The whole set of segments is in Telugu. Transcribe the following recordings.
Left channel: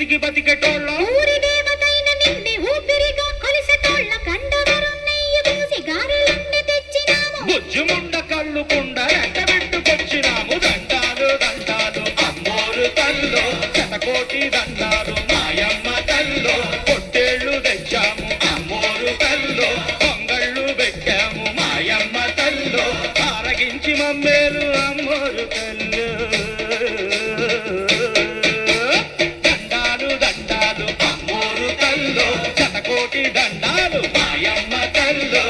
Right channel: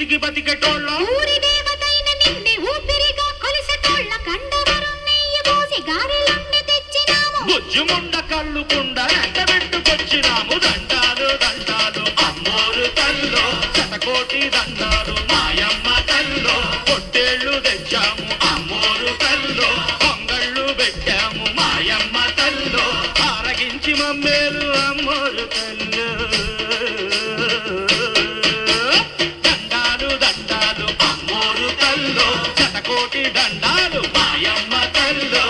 విసిగి బతికెటోళ్ళ ఊరి దేవతైన నిన్నే ఊపిరిగా కొలిసెటోళ్ళ కండవరం నెయ్యి పోసి గారెలుండి తెచ్చినాము బుజ్జుముండ కళ్ళు కుండ ఎండబెట్టుకొచ్చినాము దండాలు దండాలు అమ్మోరు తల్లో శతకోటి దండాలు మాయమ్మ తల్లో పొట్టేళ్ళు తెచ్చాము అమ్మోరు తల్లో పొంగళ్ళు పెట్టాము మాయమ్మ తల్లో ఆరగించి మమ్మేలు అమ్మోరు తల్లు దండాలు దండాలు అమ్మోరు తల్లో శతకోటి దండాలు మాయమ్మ తల్లో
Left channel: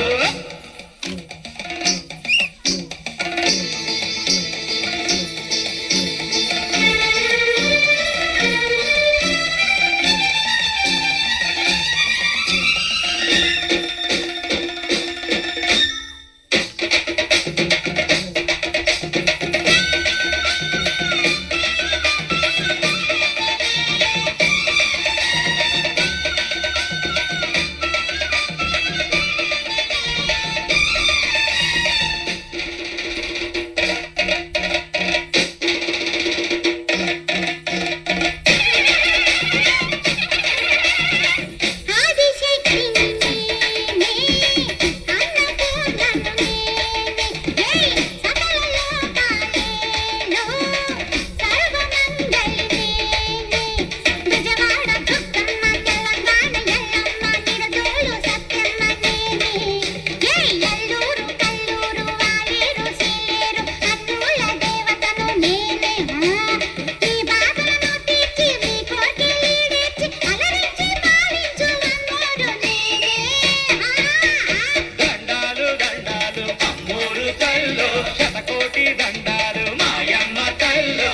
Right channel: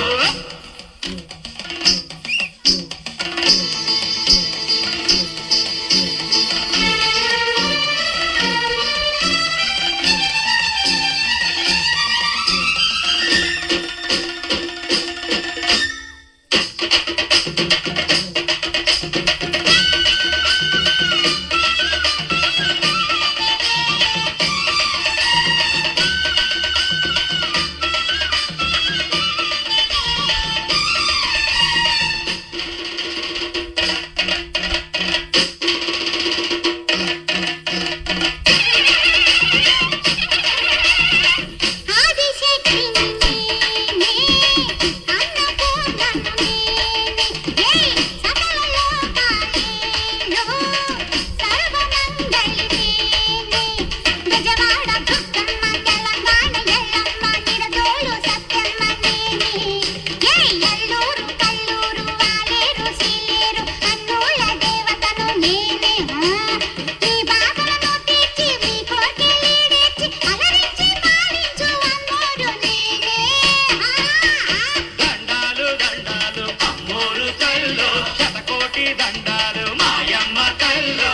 శతకోటి దండాలు మాయమ్మ తల్లో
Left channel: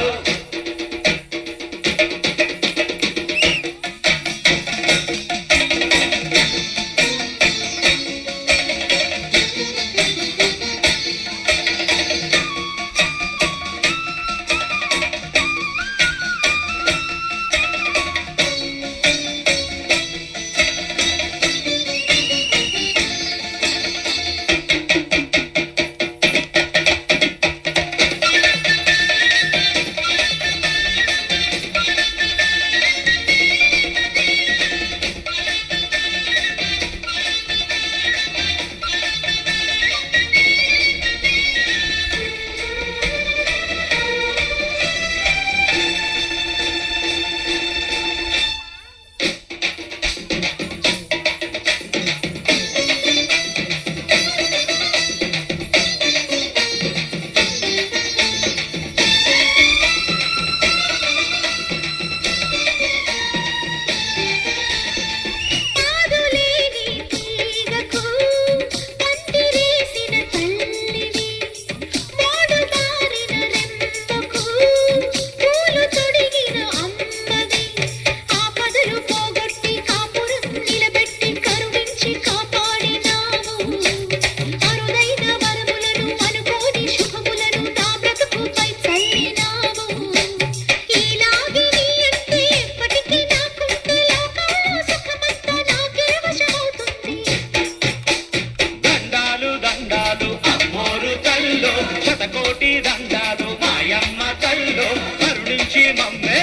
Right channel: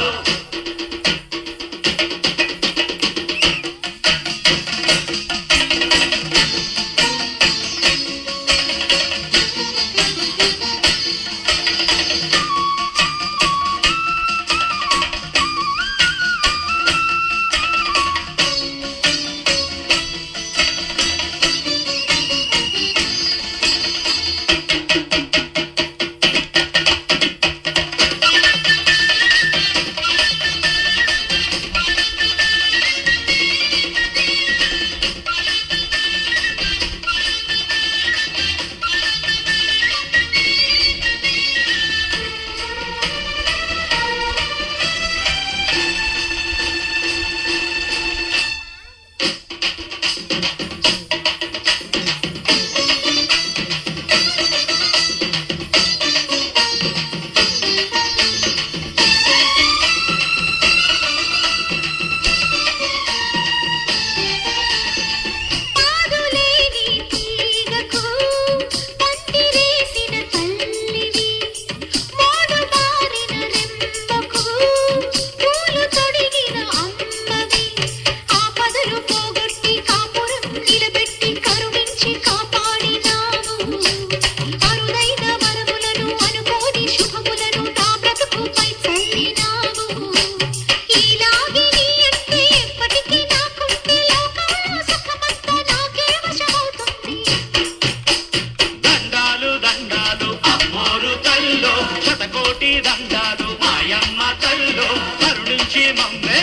శతకోటి దండాలు మాయమ్మ తల్లో కరుణించి మమ్మే